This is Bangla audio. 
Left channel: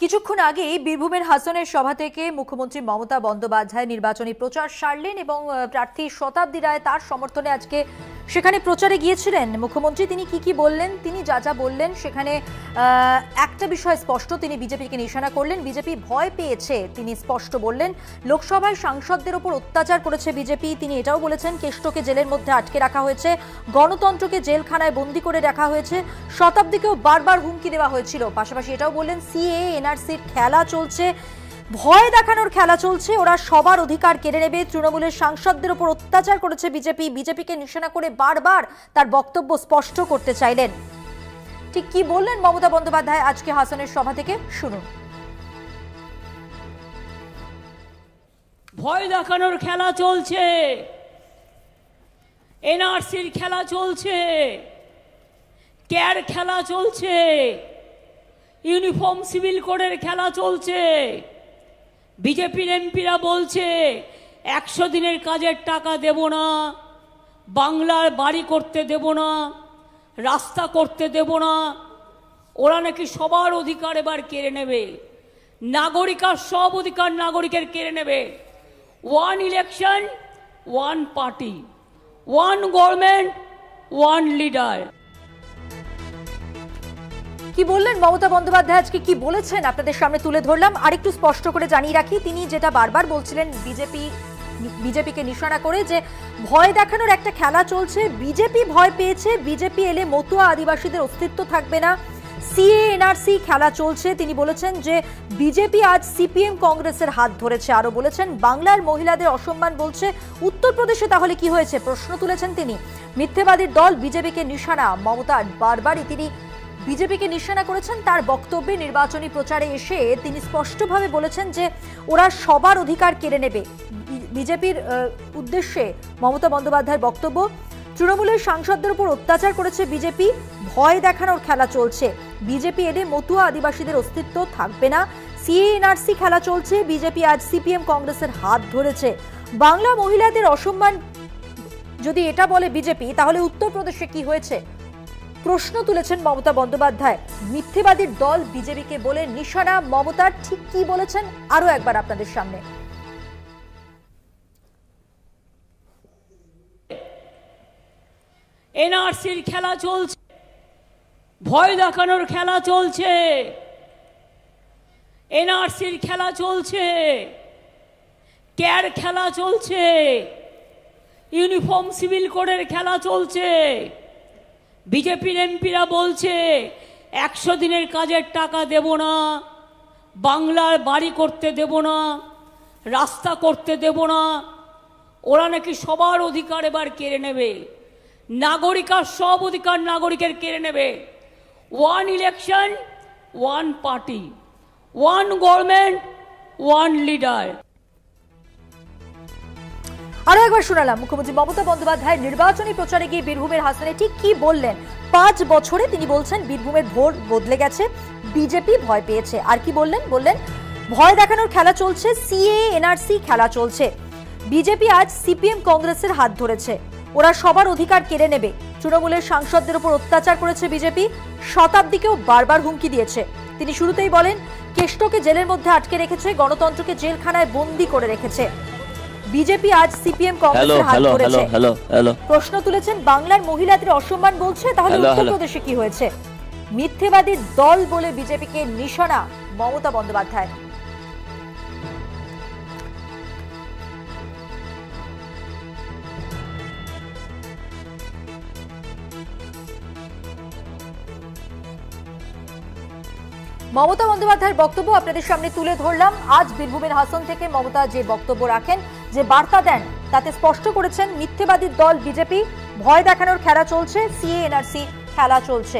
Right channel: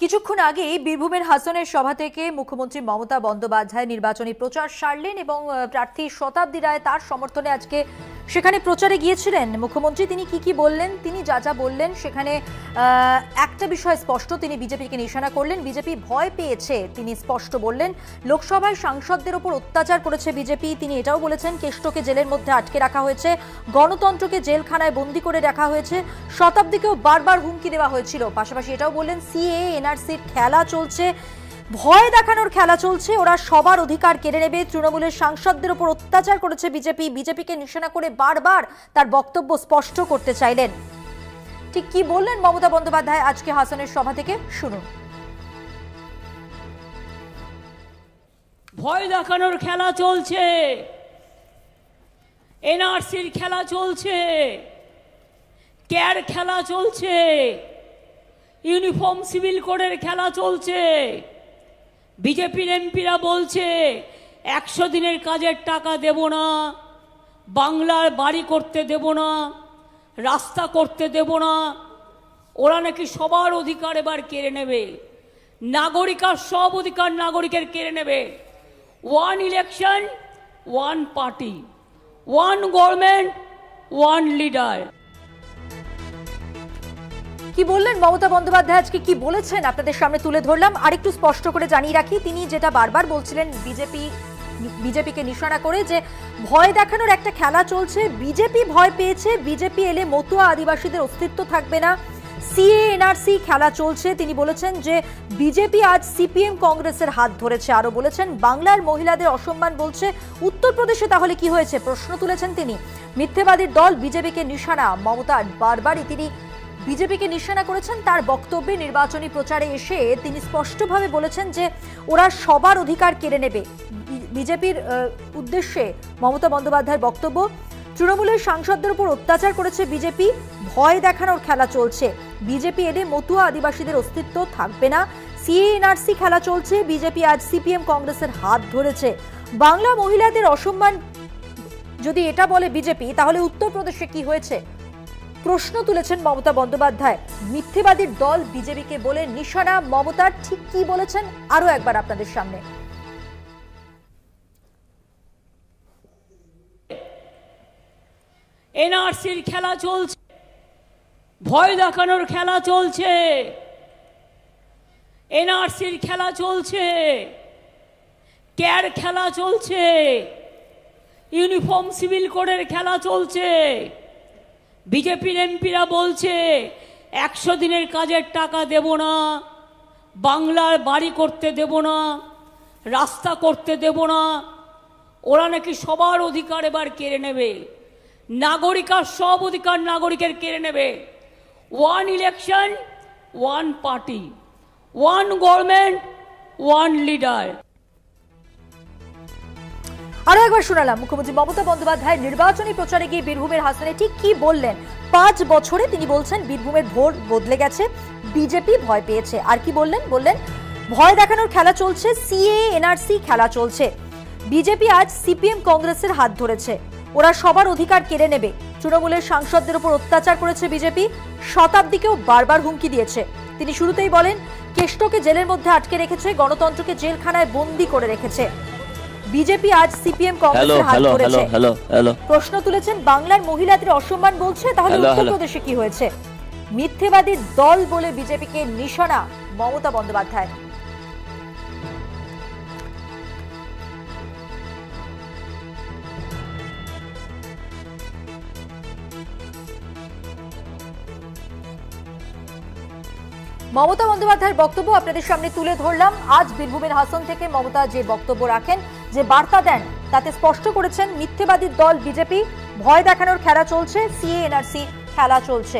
কিছুক্ষণ আগেই বীরভূমের হাসনের সভা থেকে মুখ্যমন্ত্রী মমতা বন্দ্যোপাধ্যায় নির্বাচনী প্রচার সারলেন এবং প্রার্থী শতাব্দী রায় তার সমর্থনে আজকে সেখানে প্রচারে গিয়েছিলেন। মুখ্যমন্ত্রী তিনি কি বললেন, তিনি যা বললেন সেখানে একটা বিষয় স্পষ্ট, তিনি বিজেপিকে নিশানা করলেন। বিজেপি ভয় পেয়েছে, তিনি স্পষ্ট বললেন। লোকসভায় সাংসদদের উপর অত্যাচার করেছে বিজেপি। তিনি এটাও বলেছেন কেষ্টকে জেলের মধ্যে আটকে রাখা হয়েছে, গণতন্ত্রকে জেলখানায় বন্দী করে রাখা হয়েছে, শতাব্দীকেও বারবার হুমকি দেওয়া হয়েছিল। পাশাপাশি এটাও বললেন সিএ এনআরসির খেলা চলছে, ভয় দেখানোর খেলা চলছে, ওরা সবার অধিকার কেড়ে নেবে। তৃণমূলের সাংসদদের উপর অত্যাচার করেছে বিজেপি, বিজেপিকে নিশানা করে বারবার তার বক্তব্য স্পষ্ট করতে চাইলেন। ঠিক কি বললেন মমতা বন্দ্যোপাধ্যায় আজকে হাসনের সভা থেকে, শুনুন। ভয় দেখানোর খেলা চলছে, এনআরসির খেলা চলছে, ক্যার খেলা চলছে, ইউনিফর্ম সিভিল কোডের খেলা চলছে। বিজেপির এমপিরা বলছে 100 দিনের কাজের টাকা দেব না, বাংলার বাড়ি করতে দেব না, রাস্তা করতে দেব না, ওরা নাকি সবার অধিকার এবার কেড়ে নেবে, নাগরিকার সব অধিকার নাগরিকের কেড়ে নেবে। 1 ইলেকশন 1 পার্টি, 1 গভর্নমেন্ট 1 লিডার। কি বললেন মমতা বন্দ্যোপাধ্যায় আজকে, কি বলেছেন আপনাদের সামনে তুলে ধরলাম। আরেকটু স্পষ্ট করে জানিয়ে রাখি, তিনি যেটা বারবার বলছিলেন বিজেপিকে নিশানা করে যে ভয় দেখানোর একটা খেলা চলছে, বিজেপি ভয় পেয়েছে, বিজেপি এলে মতুয়া আদিবাসীদের অস্তিত্ব থাকবে না, সিএ এনআরসি খেলা চলছে। তিনি বলেছেন যে বিজেপি আজ সিপিএম কংগ্রেসের হাত ধরেছে। আরো বলেছেন বাংলার মহিলাদের অসম্মান বলছে, উত্তরপ্রদেশে তাহলে কি হয়েছে প্রশ্ন তুলেছেন তিনি। মিথ্যেবাদীর দল বিজেপিকে নিশানা, মমতা বারবারই তিনি বিজেপিকে নিশানা করেছেন। তার বক্তব্যে নির্বাচনী প্রচারে এসে তিনি স্পষ্টভাবে বলেছেন যে ওরা সবার অধিকার কেড়ে নেবে। বিজেপির উদ্দেশ্যে মমতা বন্দ্যোপাধ্যায়ের বক্তব্য, তৃণমূলের সাংসদদের উপর অত্যাচার করেছে বিজেপি, ভয় দেখানোর খেলা চলছে, বিজেপি এলে মতুয়া আদিবাসীদের অস্তিত্ব থাকবে না, সিএ এনআরসি খেলা চলছে, বিজেপি আজ সিপিএম কংগ্রেসের হাত ধরেছে। বাংলা মহিলাদের অসম্মান যদি এটা বলে বিজেপি, তাহলে উত্তরপ্রদেশে কি হয়েছে প্রশ্ন তুলেছেন মমতা বন্দ্যোপাধ্যায়। মিথ্যেবাদীর দল বিজেপিকে বলে নিশানা মমতার, ঠিক কি বলেছেন আরো একবার আপনাদের সামনে। এনআরসির খেলা চলছে, ভয় দেখানোর খেলা চলছে, এনআরসির খেলা চলছে, ক্যার খেলা চলছে, ইউনিফর্ম সিভিল কোডের খেলা চলছে। বিজেপির এমপিরা বলছে 100 দিনের কাজের টাকা দেব না, বাংলার বাড়ি করতে দেব না, রাস্তা করতে দেব না, ওরা নাকি সবার অধিকার এবার কেড়ে নেবে, নাগরিকার সব অধিকার নাগরিকের কেড়ে নেবে। 1 ইলেকশন 1 পার্টি, 1 গভর্নমেন্ট 1 লিডার। আরো একবার শোনালাম মুখ্যমন্ত্রী মমতা বন্দ্যোপাধ্যায় নির্বাচনী প্রচারে গিয়ে বীরভূমের হাসনে ঠিক কি বললেন। 5 বছরে তিনি বলছেন বীরভূমের ভোট বদলে গেছে, বিজেপি ভয় পেয়েছে। আর কি বললেন, ভয় দেখানোর খেলা চলছে, সিএ এনআরসি খেলা চলছে, বিজেপি আজ সিপিএম কংগ্রেসের হাত ধরেছে, ওরা সবার অধিকার কেড়ে নেবে। তৃণমূলের সাংসদদের উপর অত্যাচার করেছে বিজেপি, শতাব্দীকেও বারবার হুমকি দিয়েছে। তিনি শুরুতেই বলেন কেষ্টকে জেলের মধ্যে আটকে রেখেছে, গণতন্ত্রকে জেলখানায় বন্দী করে রেখেছে, বিজেপি আজ সিপিএম কংগ্রেসের হাত ধরেছে। প্রশ্ন তুলেছেন বাংলার মহিলাদের অসম্মান বলছে, তাহলে উত্তরপ্রদেশে কি হয়েছে। মিথ্যেবাদীর দল বলে বিজেপিকে নিশানা মমতা বন্দ্যোপাধ্যায়। মমতা বন্দ্যোপাধ্যায়ের বক্তব্য আপনাদের সামনে তুলে ধরলাম। আজ বীরভূমের হাসন থেকে মমতা যে বক্তব্য রাখেন, যে বার্তা দেন, তাতে স্পষ্ট করেছেন মিথ্যেবাদীর দল বিজেপি, ভয় দেখানোর খেলা চলছে, সিএ এনআরসি খেলা চলছে।